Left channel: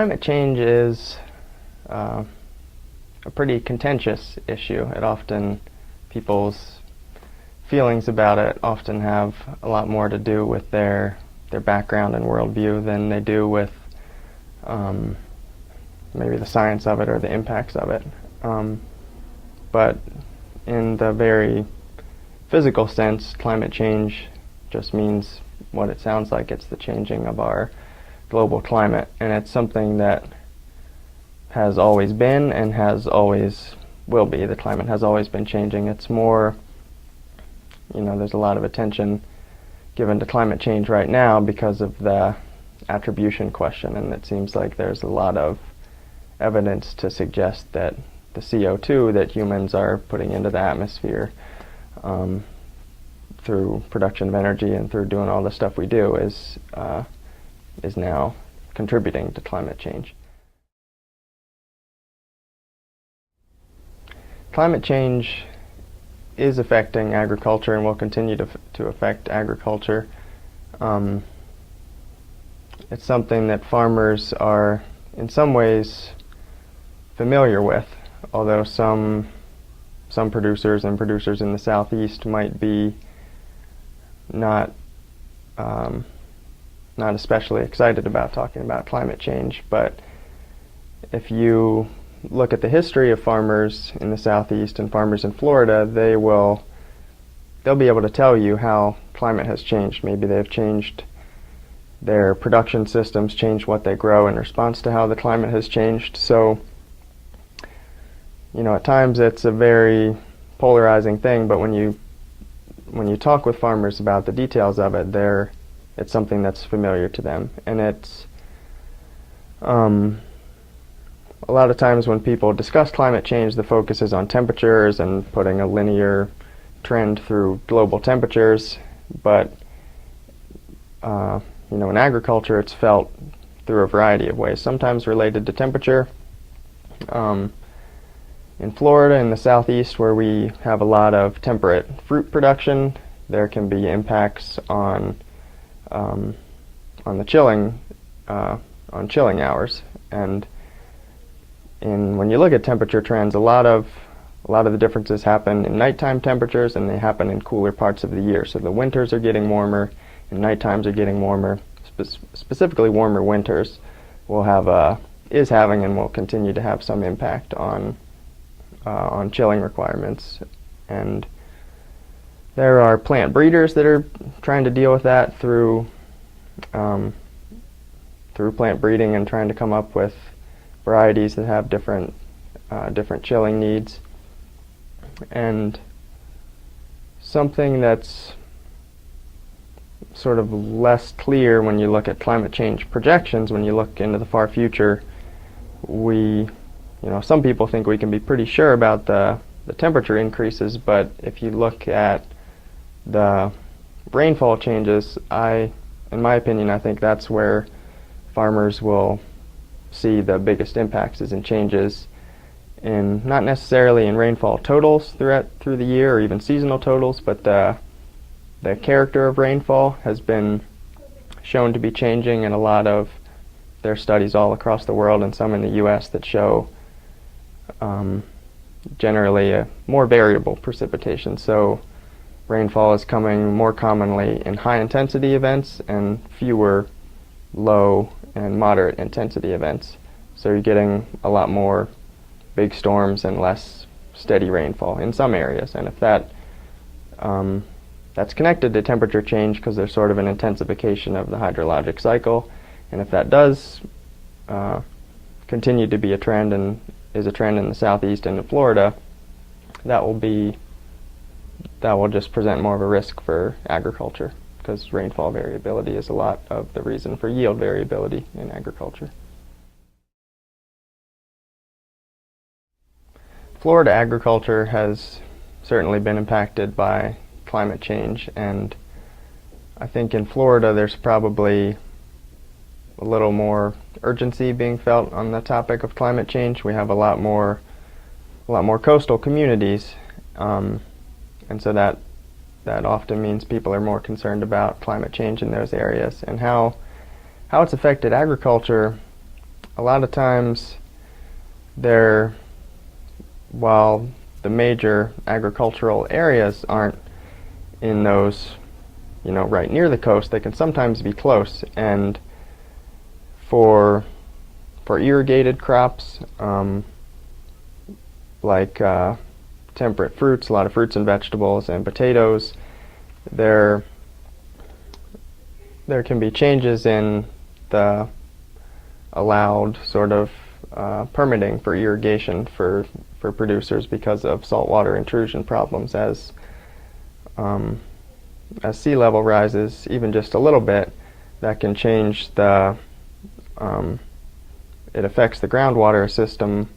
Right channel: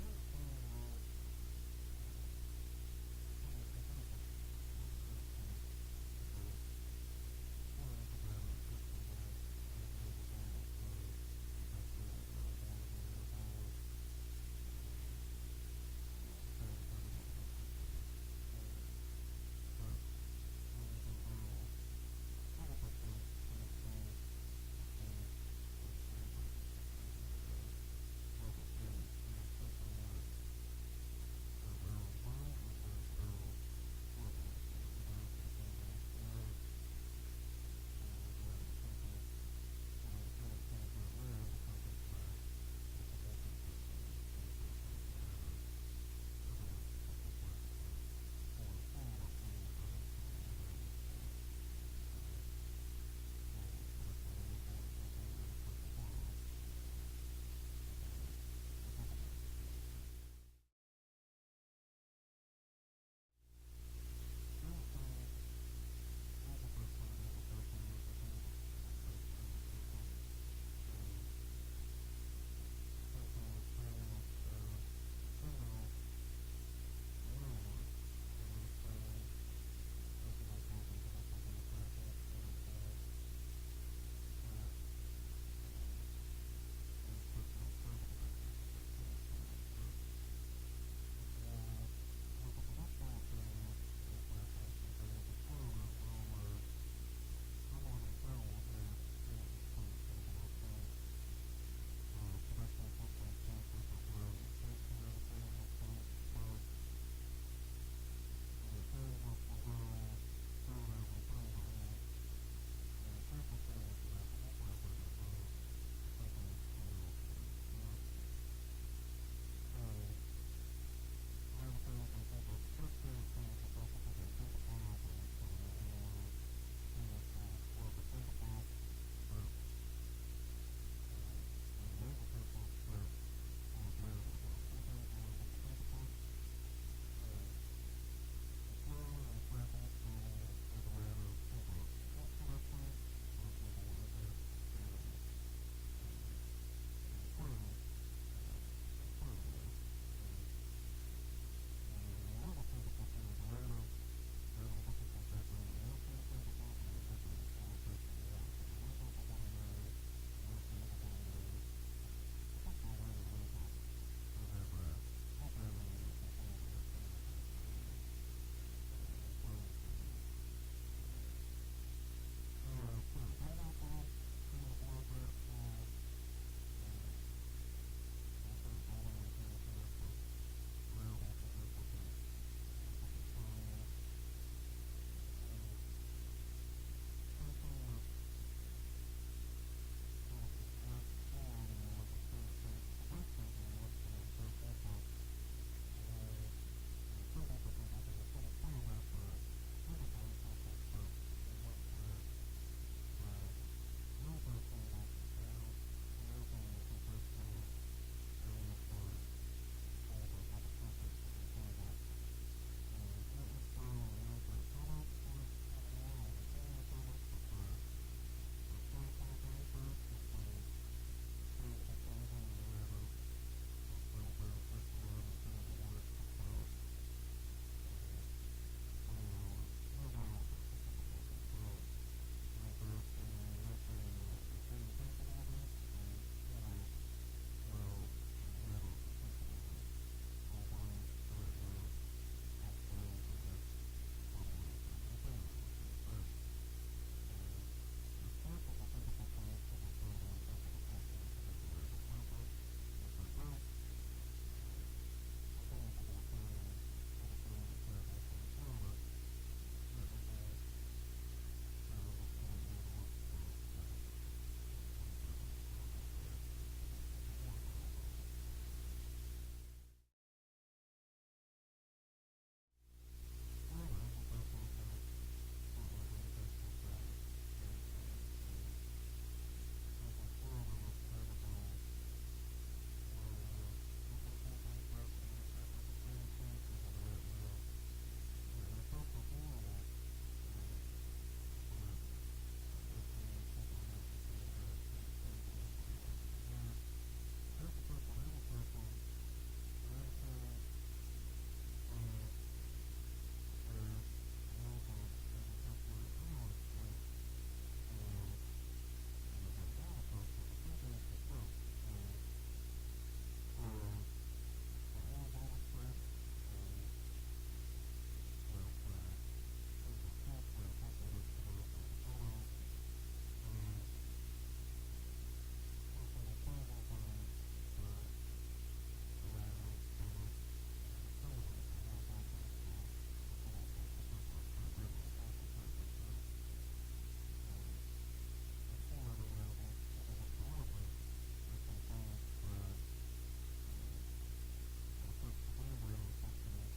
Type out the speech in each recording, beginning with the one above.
Climate change is a pretty contentious issue. People's feelings about it often have a lot more to do with their background and worldview than they do with maybe the science of it or the impacts of it. But in the very physical sense, climate change just means what it sounds like. It's the changing of our global climate, and it's something that has always been and has always will be. The climate has always been changing. It's more, there's a lot of attention given to climate change right now because of the attribution question, and it seems like there's a lot of evidence to suggest that the CO2 that humans are putting into the atmosphere through production of energy and through doing all the stuff we do is now contributing to climate change. Climate change is affecting agriculture and will continue to affect agriculture. It's something that farmers are in some ways familiar with, although some producers and producers in the southeast might be not especially excited about talking about climate change. But if you look at the history of farmers in the southeast and farmers in Florida, they'll be able to tell you how climate has changed. Maybe they've changed their production systems, changed what they grow in response to how the climate has changed. So, at times it's a very polarizing thing, but when you talk with farmers about the details of it, it's something that's familiar to them. And it's a lot of times when people discuss climate change, the focus is on temperatures and putting a linear trend through global temperatures. But in agriculture, it's felt through a variety of ways, sometimes related to temperature. In Florida, in the southeast, where we have a lot of temperate fruit production, there can be impacts on the chilling hours. And when you look at temperature trends, a lot of the differences happen in nighttime temperatures, and they happen in cooler parts of the year. So the winters are getting warmer, and night times are getting warmer. Specifically, warmer winters is having and will continue to have some impact on chilling requirements. And there are plant breeders that are trying to deal with that through plant breeding and trying to come up with varieties that have different chilling needs. And something that's sort of less clear when you look at climate change projections, when you look into the far future, some people think we can be pretty sure about the temperature increases, but if you look at the rainfall changes, in my opinion, I think that's where farmers will see the biggest impacts, is in changes in not necessarily in rainfall totals through the year or even seasonal totals, but the character of rainfall has been shown to be changing in a lot of their studies all across the world, and some in the U.S. that show generally a more variable precipitation. So rainfall is coming more commonly in high intensity events and fewer low and moderate intensity events. So you're getting a lot more big storms and less steady rainfall in some areas. And if that's connected to temperature change, because there's sort of an intensification of the hydrologic cycle, and if that does continue to be a trend and is a trend in the southeast and in Florida, that will just present more of a risk for agriculture, because rainfall variability is a lot of the reason for yield variability in agriculture. Florida agriculture has certainly been impacted by climate change, and I think in Florida there's probably a little more urgency being felt on the topic of climate change. We have a lot more coastal communities, and so that often means people are more concerned about climate change in those areas. And how it's affected agriculture, a lot of times they're, while the major agricultural areas aren't in those, right near the coast, they can sometimes be close. And for irrigated crops, like temperate fruits, a lot of fruits and vegetables and potatoes, there can be changes in the allowed sort of permitting for irrigation for producers because of saltwater intrusion problems. As sea level rises even just a little bit, that can change the it affects the groundwater system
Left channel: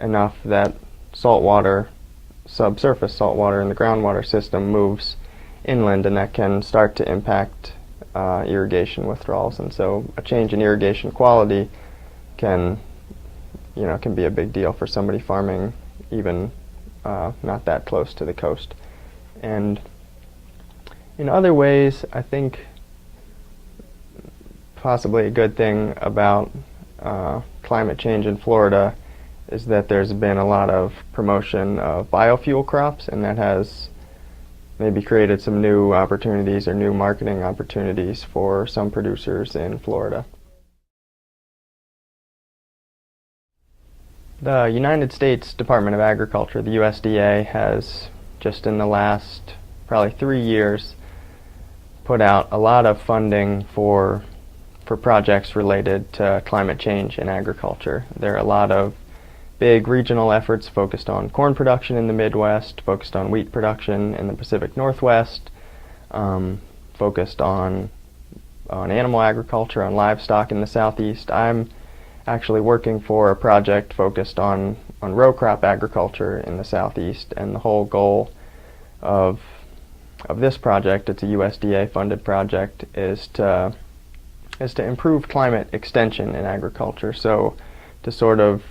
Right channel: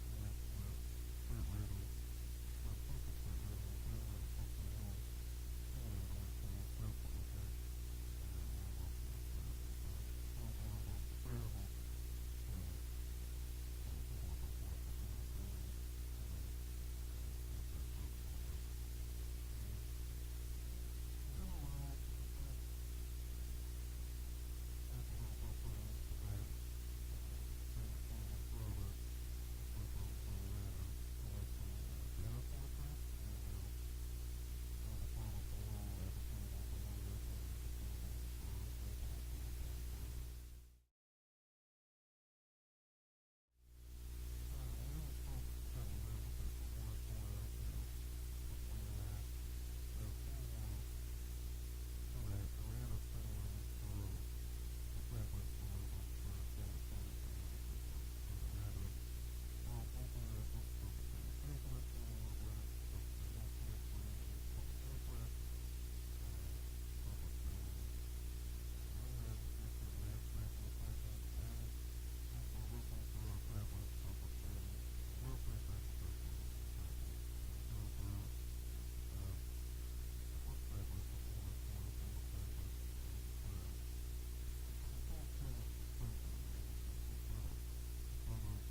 enough that saltwater, subsurface saltwater in the groundwater system, moves inland, and that can start to impact irrigation withdrawals. And so a change in irrigation quality can be a big deal for somebody farming even not that close to the coast. And in other ways, I think possibly a good thing about climate change in Florida is that there's been a lot of promotion of biofuel crops, and that has maybe created some new opportunities or new marketing opportunities for some producers in Florida. The United States Department of Agriculture, the USDA, has just in the last probably 3 years put out a lot of funding for projects related to climate change in agriculture. There are a lot of big regional efforts focused on corn production in the Midwest, focused on wheat production in the Pacific Northwest, focused on animal agriculture, on livestock in the Southeast. I'm actually working for a project focused on row crop agriculture in the Southeast, and the whole goal of this project, it's a USDA funded project, is to improve climate extension in agriculture. So to sort of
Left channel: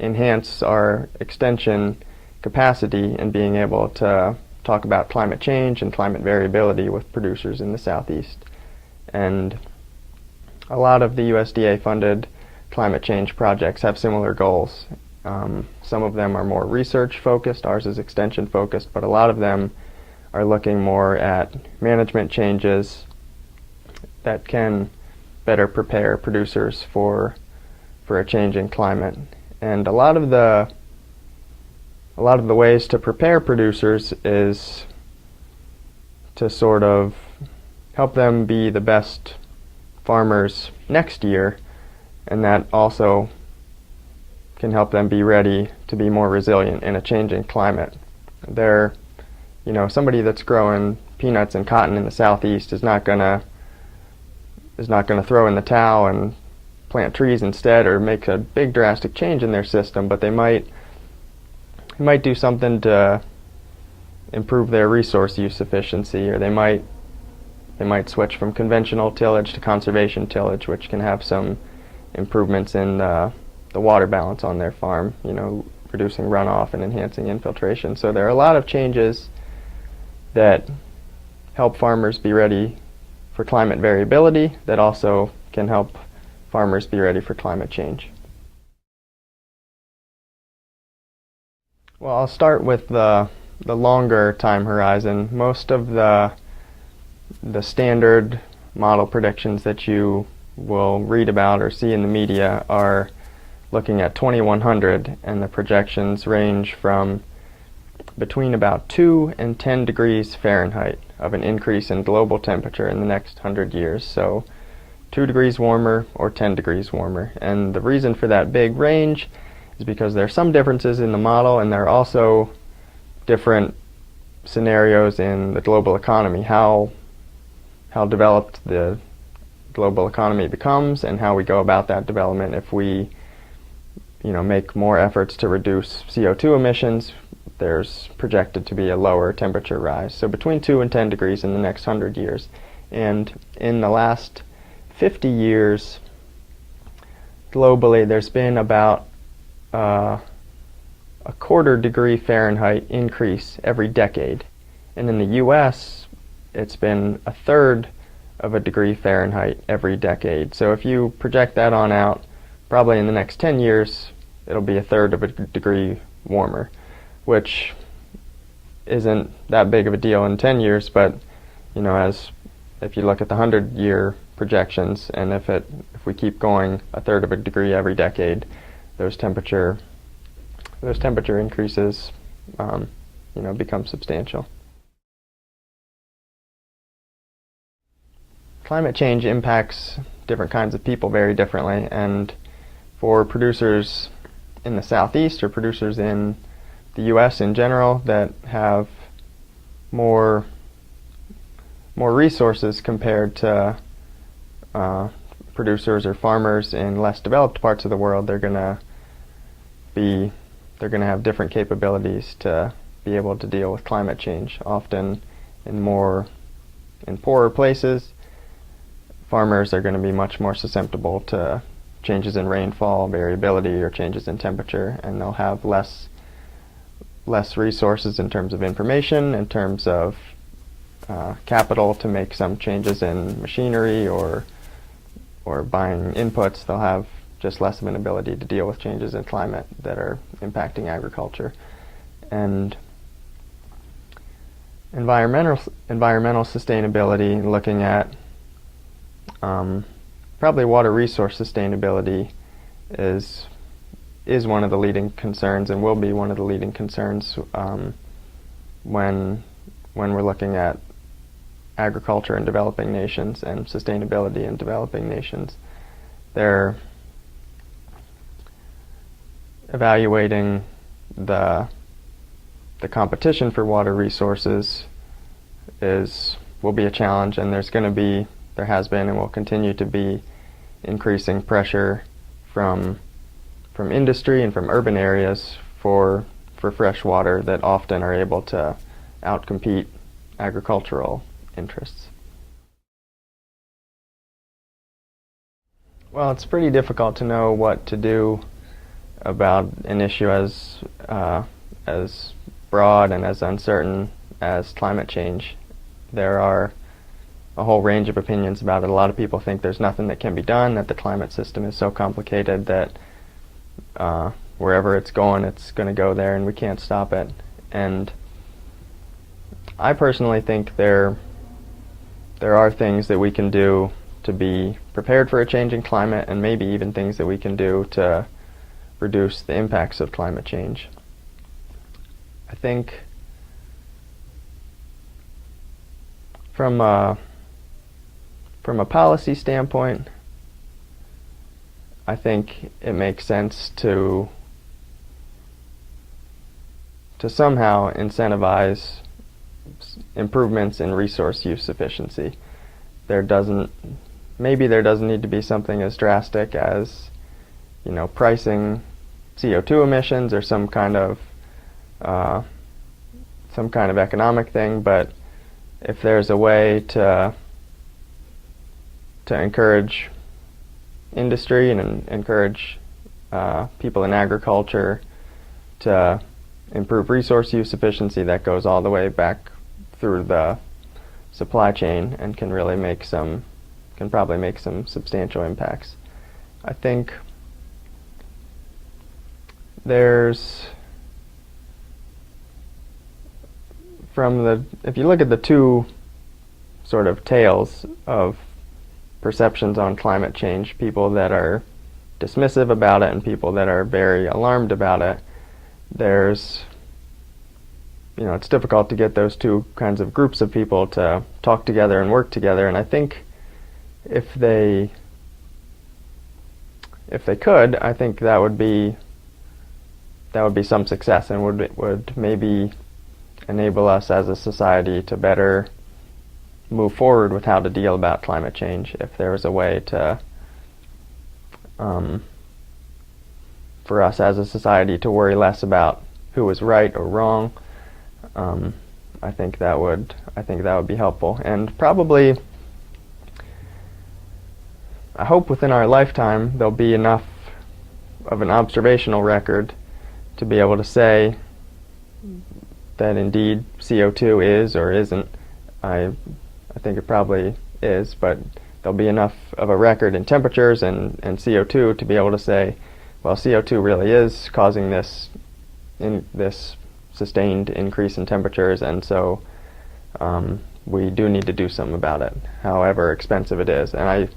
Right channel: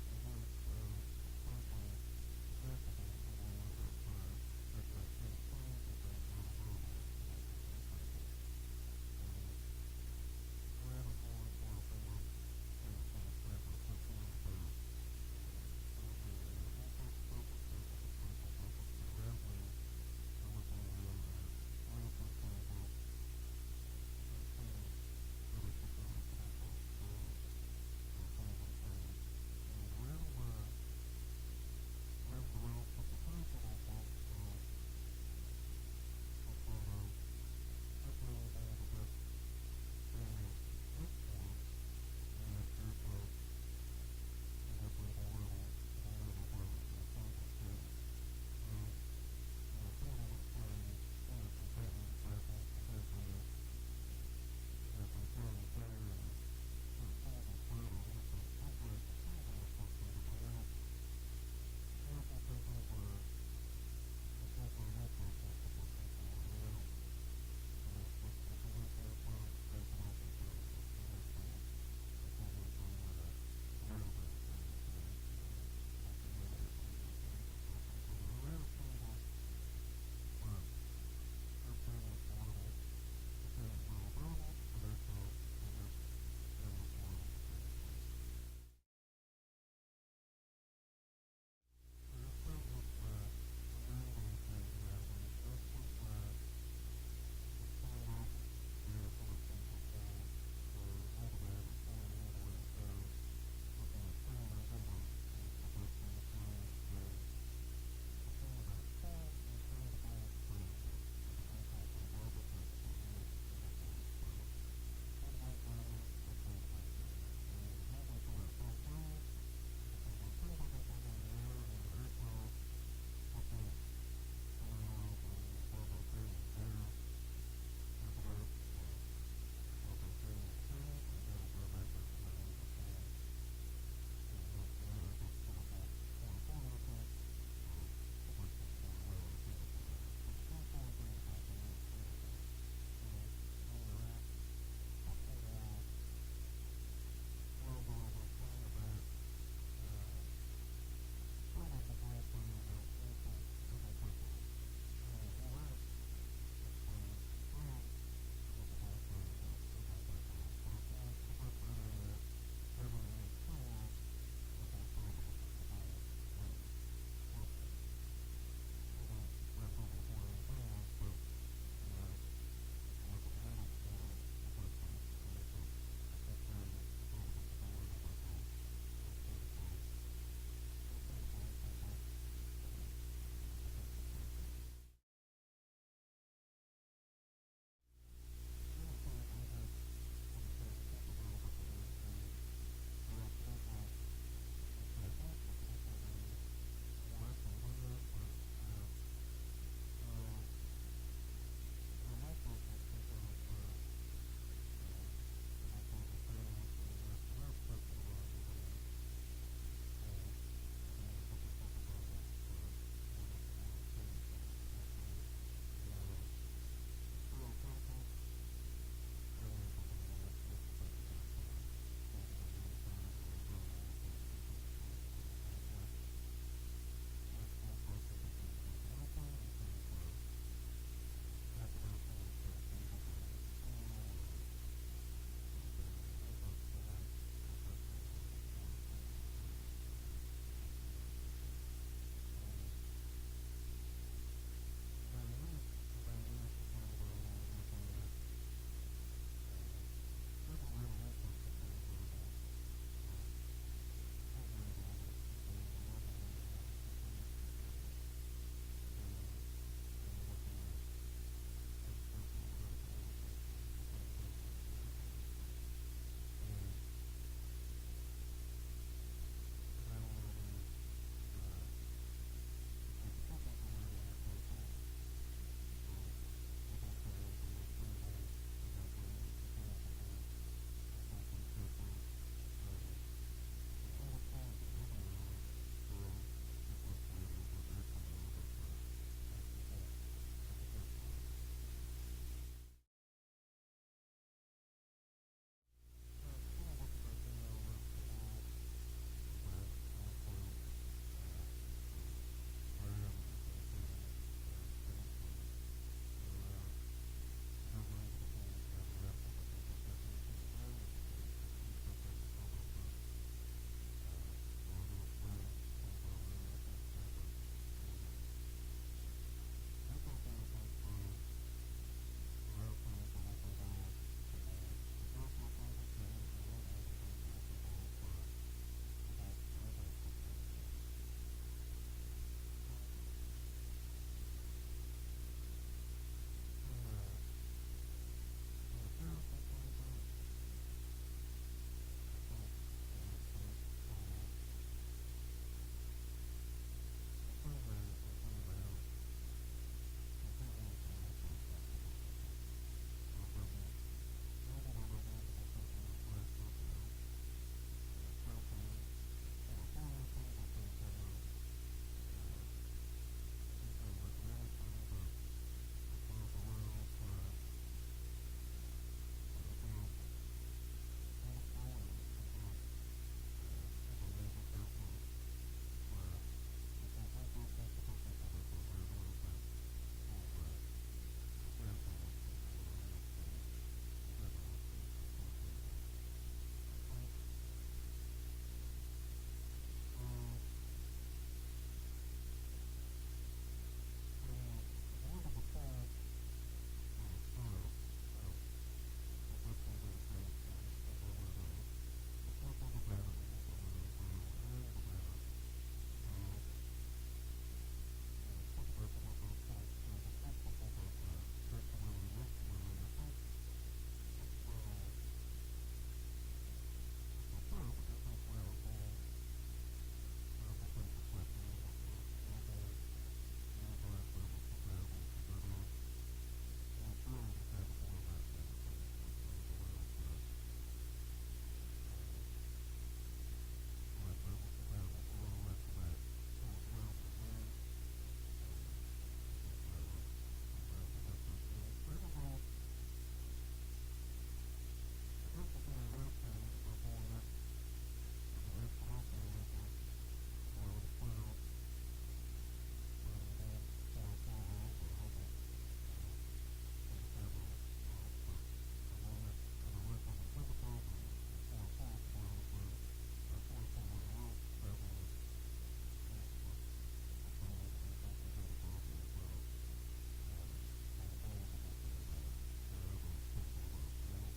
enhance our extension capacity and being able to talk about climate change and climate variability with producers in the Southeast. And a lot of the USDA funded climate change projects have similar goals. Some of them are more research focused, ours is extension focused, but a lot of them are looking more at management changes that can better prepare producers for a changing climate. And a lot of the ways to prepare producers is to sort of help them be the best farmers next year, and that also can help them be ready to be more resilient in a changing climate. Somebody that's growing peanuts and cotton in the Southeast is not gonna throw in the towel and plant trees instead or make a big drastic change in their system, but they might do something to improve their resource use efficiency, or they might switch from conventional tillage to conservation tillage, which can have some improvements in the water balance on their farm, reducing runoff and enhancing infiltration. So there are a lot of changes that help farmers be ready for climate variability that also can help farmers be ready for climate change. Well, I'll start with the longer time horizon. Most of the standard model predictions that you will read about or see in the media are looking at 2100, and the projections range from between about 2 and 10 degrees Fahrenheit of an increase in global temperature in the next 100 years. So 2 degrees warmer or 10 degrees warmer. And the reason for that big range is because there are some differences in the model, and there are also different scenarios in the global economy, how developed the global economy becomes and how we go about that development. If we make more efforts to reduce CO2 emissions, there's projected to be a lower temperature rise. So between 2 and 10 degrees in the next 100 years. And in the last 50 years, globally, there's been about a 1/4 degree Fahrenheit increase every decade. And in the US, it's been 1/3 of a degree Fahrenheit every decade. So if you project that on out, probably in the next 10 years, it'll be a third of a degree warmer, which isn't that big of a deal in 10 years, but as if you look at the 100-year projections, and if we keep going a third of a degree every decade, those temperature increases become substantial. Climate change impacts different kinds of people very differently, and for producers in the Southeast or producers in the U.S. in general that have more resources compared to producers or farmers in less developed parts of the world, they're going to have different capabilities to be able to deal with climate change. Often in poorer places, farmers are going to be much more susceptible to changes in rainfall, variability, or changes in temperature, and they'll have less resources in terms of information, in terms of capital to make some changes in machinery or buying inputs. They'll have just less of an ability to deal with changes in climate that are impacting agriculture. And environmental sustainability, looking at probably water resource sustainability, is one of the leading concerns, and will be one of the leading concerns when we're looking at agriculture in developing nations and sustainability in developing nations. They're evaluating the competition for water resources will be a challenge, and there has been and will continue to be increasing pressure from industry and from urban areas for fresh water that often are able to outcompete agricultural interests. Well, it's pretty difficult to know what to do about an issue as broad and as uncertain as climate change. There are a whole range of opinions about it. A lot of people think there's nothing that can be done, that the climate system is so complicated that wherever it's going to go there and we can't stop it. And I personally think there are things that we can do to be prepared for a changing climate, and maybe even things that we can do to reduce the impacts of climate change. I think from a policy standpoint, I think it makes sense to somehow incentivize improvements in resource use efficiency. Maybe there doesn't need to be something as drastic as pricing CO2 emissions or some kind of economic thing, but if there's a way to encourage industry and encourage people in agriculture to improve resource use efficiency, that goes all the way back through the supply chain and can probably make some substantial impacts. I think if you look at the two sort of tails of perceptions on climate change, people that are dismissive about it and people that are very alarmed about it, it's difficult to get those two kinds of groups of people to talk together and work together. And I think if they could, I think that would be some success, and would maybe enable us as a society to better move forward with how to deal about climate change, if there was a way to for us as a society to worry less about who was right or wrong. I think that would be helpful, and probably, I hope within our lifetime there'll be enough of an observational record to be able to say that indeed CO2 is or isn't. I think it probably is, but there'll be enough of a record in temperatures and CO2 to be able to say, well, CO2 really is causing this sustained increase in temperatures, and so we do need to do something about it, however expensive it is. And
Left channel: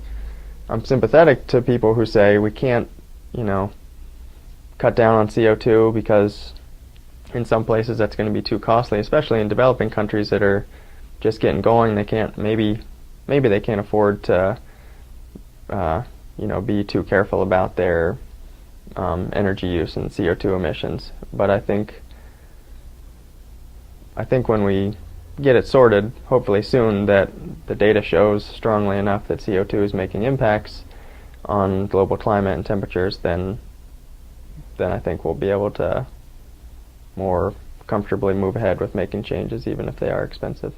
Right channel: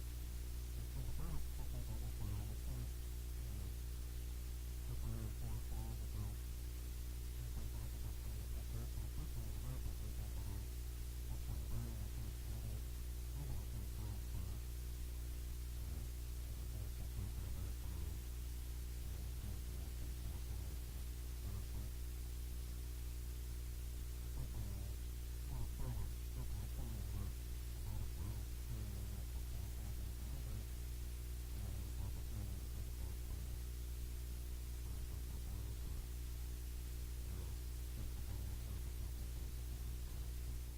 I'm sympathetic to people who say we can't, cut down on CO2 because in some places that's going to be too costly, especially in developing countries that are just getting going. They can't, maybe they can't afford to be too careful about their energy use and CO2 emissions. But I think when we get it sorted, hopefully soon, that the data shows strongly enough that CO2 is making impacts on global climate and temperatures, then I think we'll be able to more comfortably move ahead with making changes, even if they are expensive.